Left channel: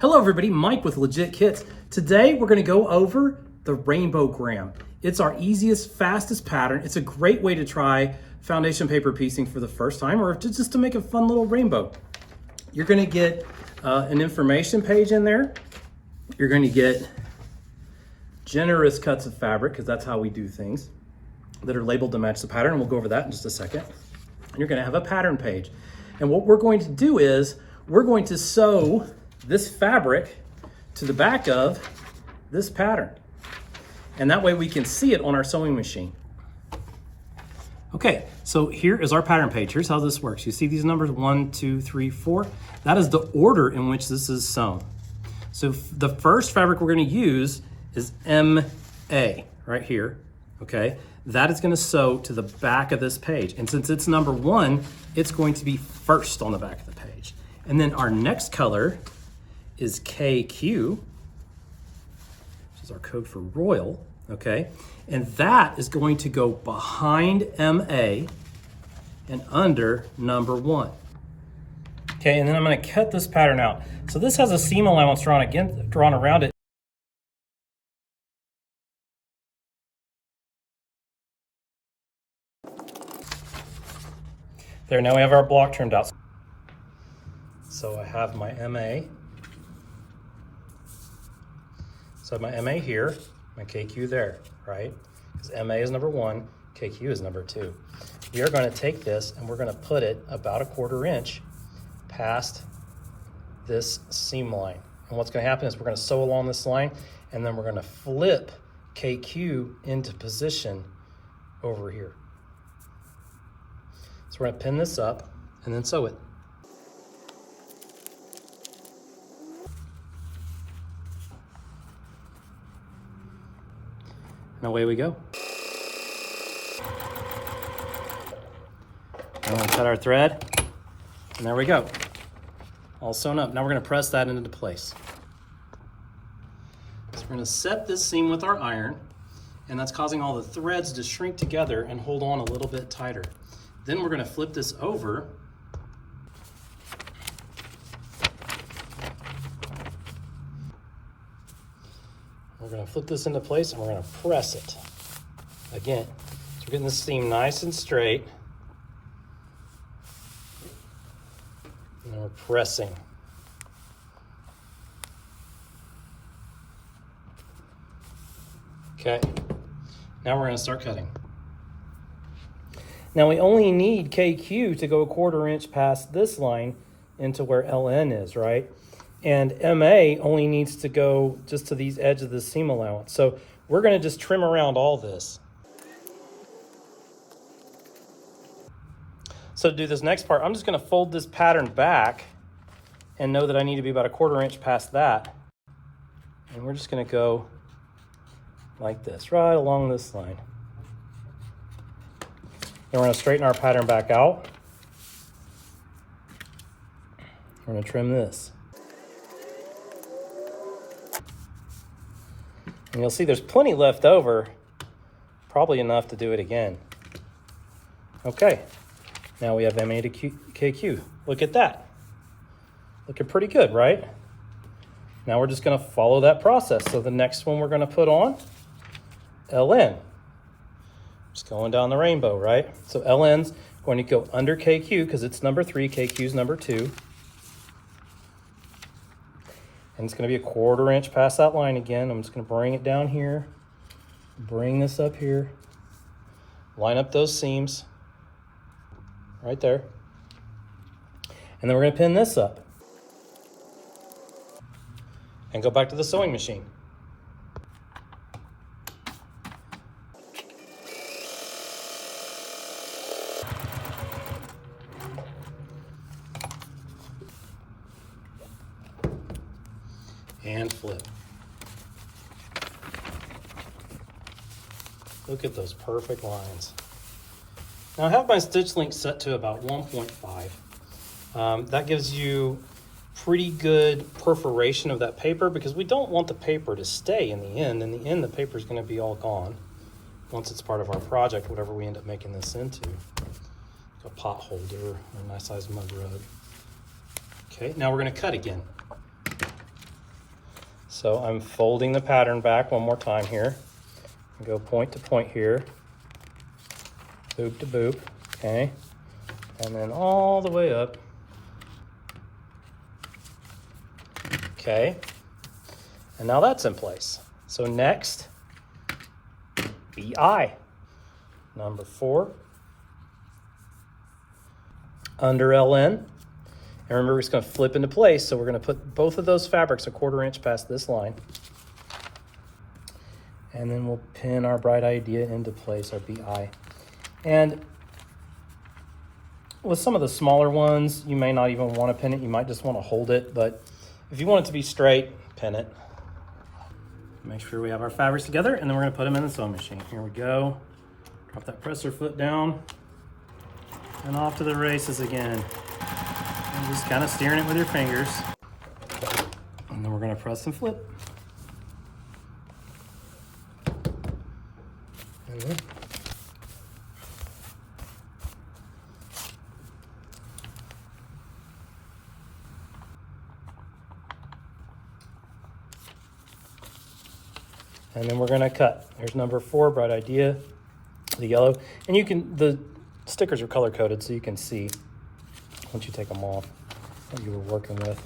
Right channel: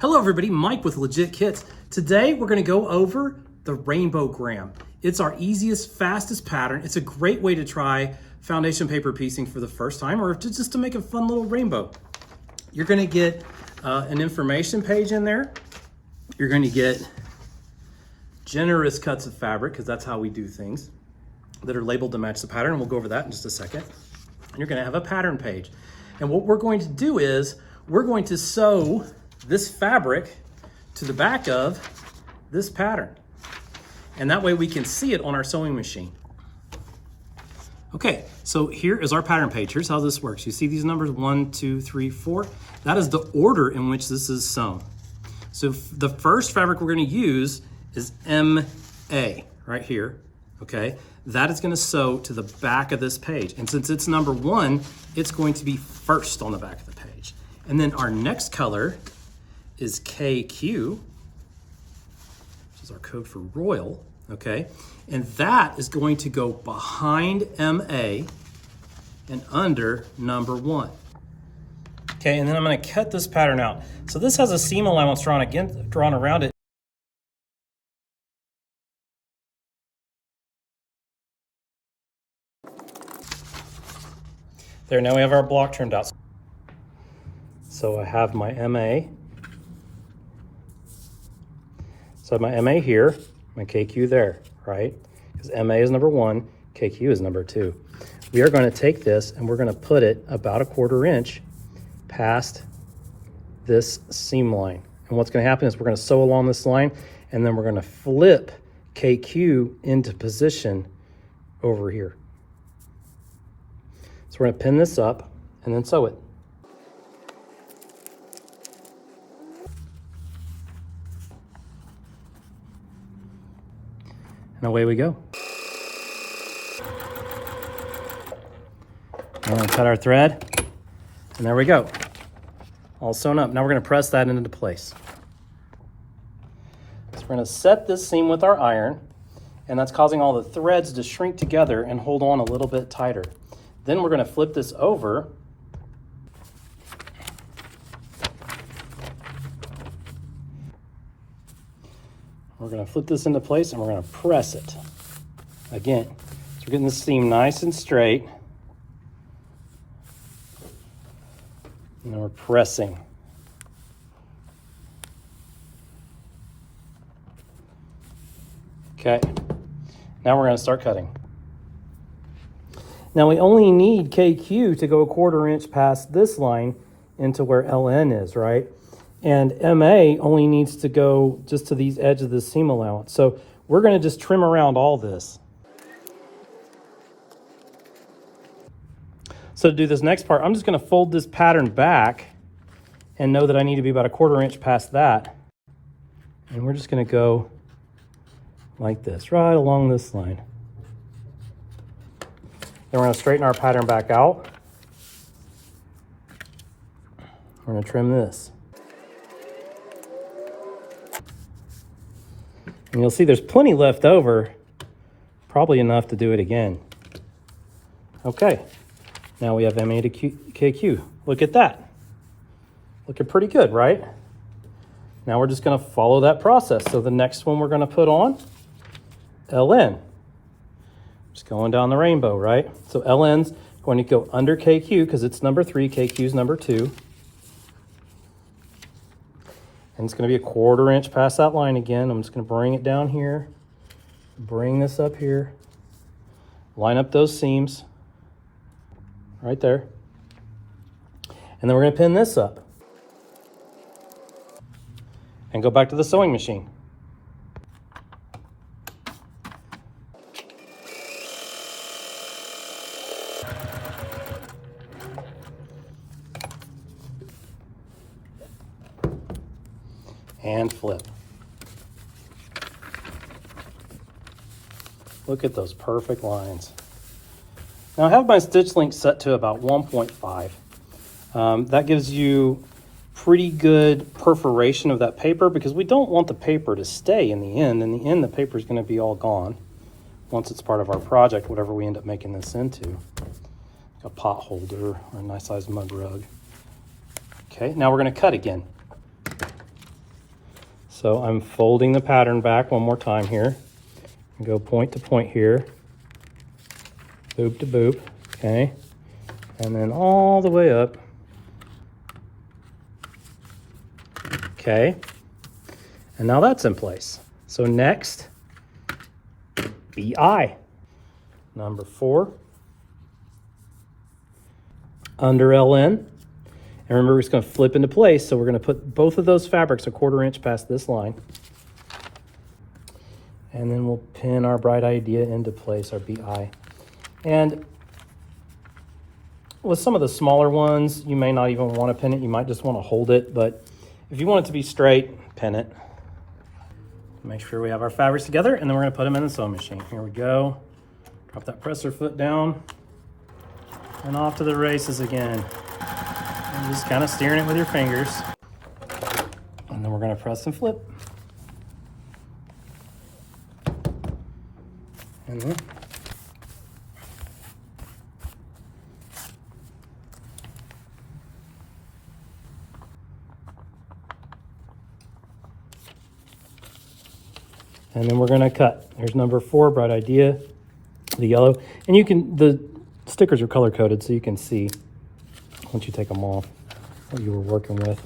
Hello everybody, Mike with Legit Kits. Today we're gonna go over the Rainbowgram. It's our easiest, fastest pattern. It's a great way to try foundation paper piecing for the first time or just to make a fun little rainbow. You're gonna get an information page in there. You're gonna get generous cuts of fabric, because that's how we do things, that are labeled to match the pattern. We'll go over that in just a second. And you're gonna have a pattern page. And what we're going to do is, we're going to sew this fabric to the back of this pattern. And that way we can see it on our sewing machine. Okay, so here is our pattern page. Here's how this works. You see these numbers, 1, 2, 3, 4. That is the order in which this is sewn. So the first fabric we're gonna use is MA, right here, okay? That is gonna sew to the back of this page. And since it's number 1, it's going to be first on the back of the page. And then our next color is KQ, which is our code for royal, okay? And that is going to go behind MA and under number 1. Okay, and then I'm gonna cut this pattern out. So this has a seam allowance drawn around it. There, now we have our block trimmed out. So I have my MA. So I have my MA here, my KQ there, right? Because MA is number 1, KQ is number 2. We are going to take this and we're going to put it about 1/4 inch past this seam line. And what's going to happen is we're going to sew along this line and then we're going to flip KQ into position over here. So we're going to pin this up and then sew it. And away we go. And then cut our thread, and there we go. All sewn up. Now we're gonna press that into place. So we're gonna set this seam with our iron, and that's causing all the threads to shrink together and hold on a little bit tighter. Then we're gonna flip this over. We're gonna flip this into place and we're gonna press it. Again, so we're getting the seam nice and straight. And then we're pressing. Okay, now we're gonna start cutting. Now we only need KQ to go 1/4 inch past this line into where LN is, right? And MA only needs to go just to these edges of the seam allowance. So we're gonna just trim around all this. So to do this next part, I'm just gonna fold this pattern back and know that I need to be about 1/4 inch past that. And we're just gonna go like this, right along this line. Then we're gonna straighten our pattern back out. We're gonna trim this. And you'll see there's plenty left over, probably enough to do it again. Okay, now we have MA to KQ. Look at that. Looking pretty good, right? Now we're just gonna follow that process. So the next one we're gonna put on, LN. Just going down the rainbow, right? So LN's going to go under KQ because it's number 3, KQ's number 2. And it's gonna be 1/4 inch past that line again. I'm just gonna bring it down here, bring this up here, line up those seams right there. And then we're gonna pin this up and go back to the sewing machine. And flip. Look at those perfect lines. Now I have my stitch length set to about 1.5. That gives you pretty good perforation of that paper because we don't want the paper to stay in the end. In the end, the paper is going to be all gone once it's part of our project, whatever we end up making this into. A pot holder, a nice sized mug rug. Okay, now we're going to cut again. So I'm folding the pattern back one more time here. Go point to point here. Boop to boop, okay? And then all the way up. Okay, and now that's in place. So next, BI. Number 4. Under LN. And remember, we're just gonna flip into place, so we're gonna put both of those fabrics a 1/4 inch past this line. And then we'll pin our bright idea into place, our BI. And with some of the smaller ones, you may not even want to pin it, you might just want to hold it, but if you want it to be straight, pin it. Make sure we have our fabrics together, and then we're going to put them in the sewing machine. Here we go. Drop that presser foot down, and off to the races again. And just kind of steering it with your fingers. And then we're going to press and flip. And then we're going to cut. Here's number 4, bright idea, the yellow. And you can, the stickers are color coded so you can see once you take them off what you were working with.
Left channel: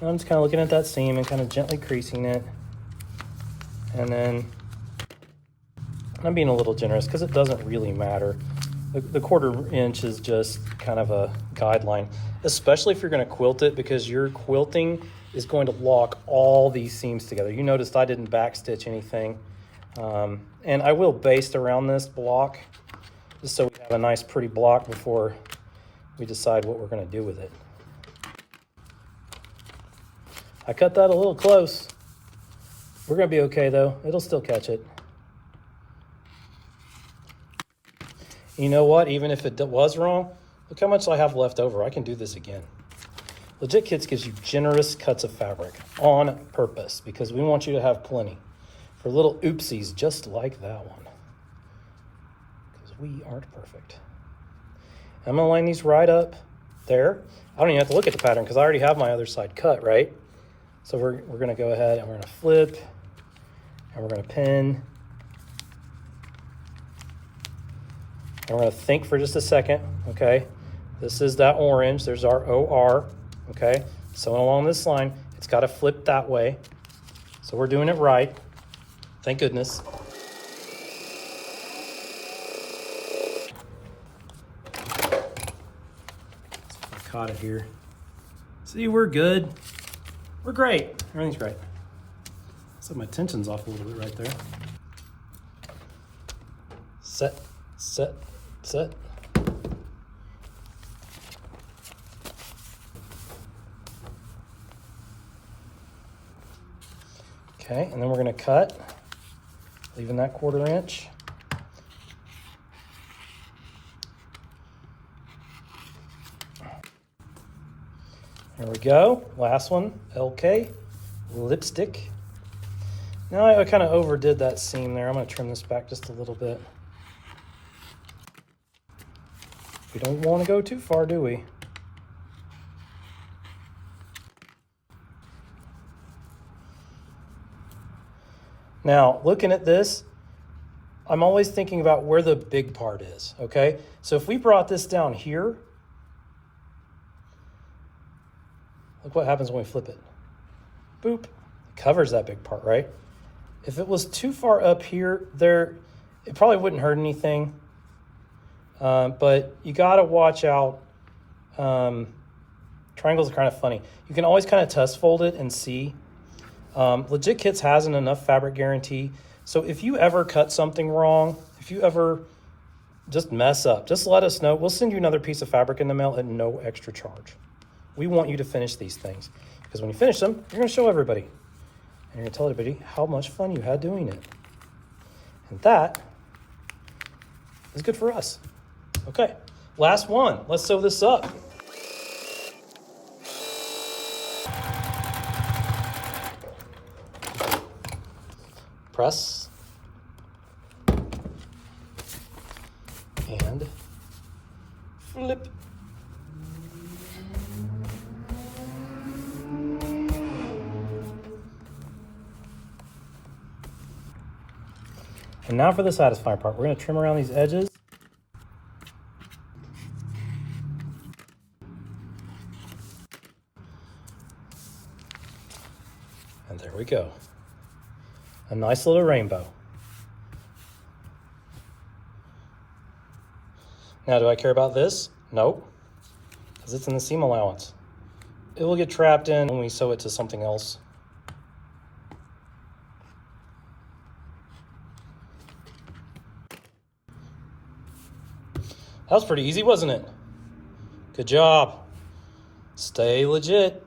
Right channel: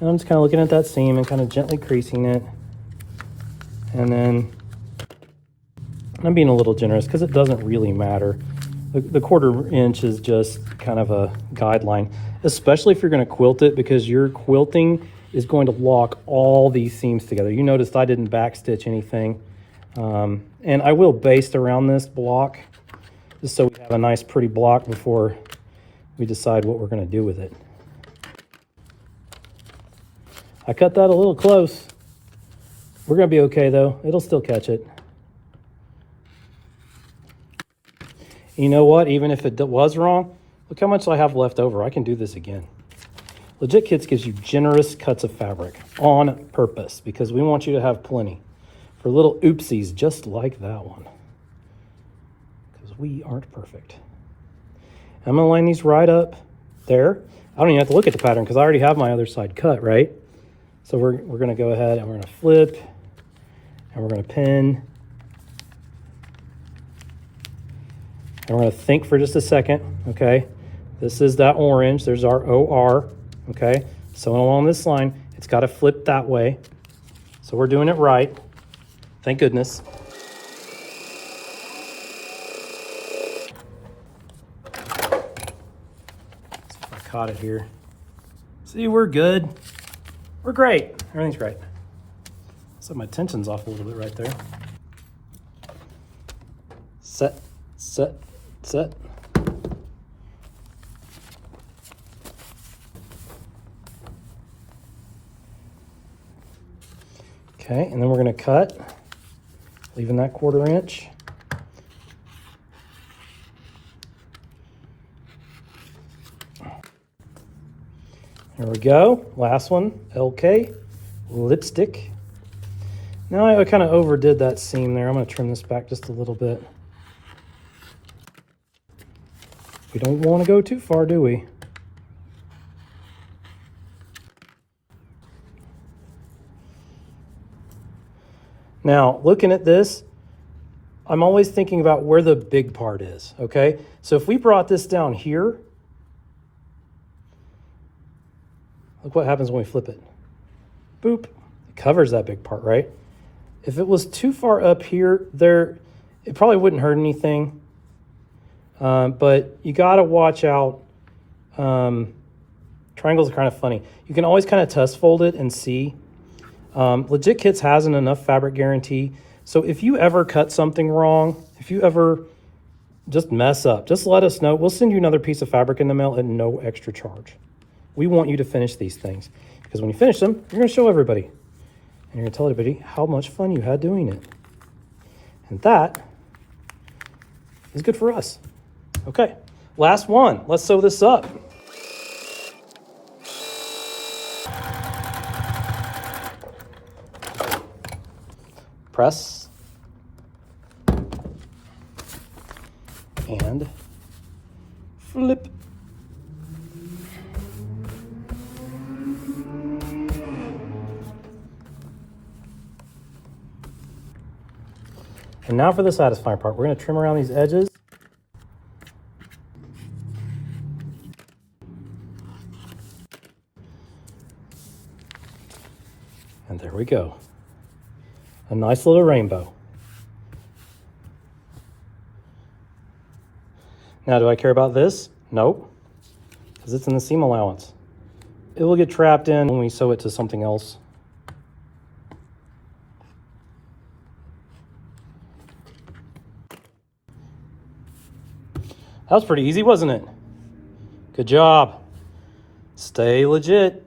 And I'm just kind of looking at that seam and kind of gently creasing it. And then I'm being a little generous because it doesn't really matter. The 1/4 inch is just kind of a guideline, especially if you're going to quilt it, because your quilting is going to lock all these seams together. You noticed I didn't backstitch anything. And I will baste around this block just so we have a nice pretty block before we decide what we're going to do with it. I cut that a little close. We're going to be okay though. It'll still catch it. You know what? Even if it was wrong, look how much I have left over. I can do this again. Legit Kits gives you generous cuts of fabric on purpose because we want you to have plenty for little oopsies just like that one. Because we aren't perfect. I'm gonna line these right up there. I don't even have to look at the pattern because I already have my other side cut, right? So we're gonna go ahead and we're gonna flip and we're gonna pin. And we're gonna think for just a second, okay? This is that orange, there's our OR, okay? So along this line, it's gotta flip that way. So we're doing it right, thank goodness. I caught it here. See, we're good. We're great, everything's great. So my tension's off a little bit right there. Set, set, set. Okay, and then we're going to cut, leaving that 1/4 inch. There we go. Last one, LK, lipstick. Now I kind of overdid that seam there. I'm going to trim this back just a little bit. We don't want to go too far, do we? Now, looking at this, I'm always thinking about where the big part is, okay? So if we brought this down here, look what happens when we flip it. Boop, it covers that big part, right? If it was too far up here, it probably wouldn't hurt anything. But you gotta watch out. Triangles are kind of funny. You can always kind of tuss fold it and see. Legit Kits has an enough fabric guarantee. So if you ever cut something wrong, if you ever just mess up, just let us know. We'll send you another piece of fabric in the mail at no extra charge. We want you to finish these things because when you finish them, you're gonna show everybody. And you're gonna tell everybody how much fun you had doing it. And that is good for us. Okay, last one. Let's sew this up. Press. And flip. And now for the satisfying part. We're going to trim around these edges. And there we go. A nice little rainbow. Now, do I care about this? Nope, because it's in the seam allowance. It will get trapped in when we sew it to something else. That was pretty easy, wasn't it? Good job. Stay legit.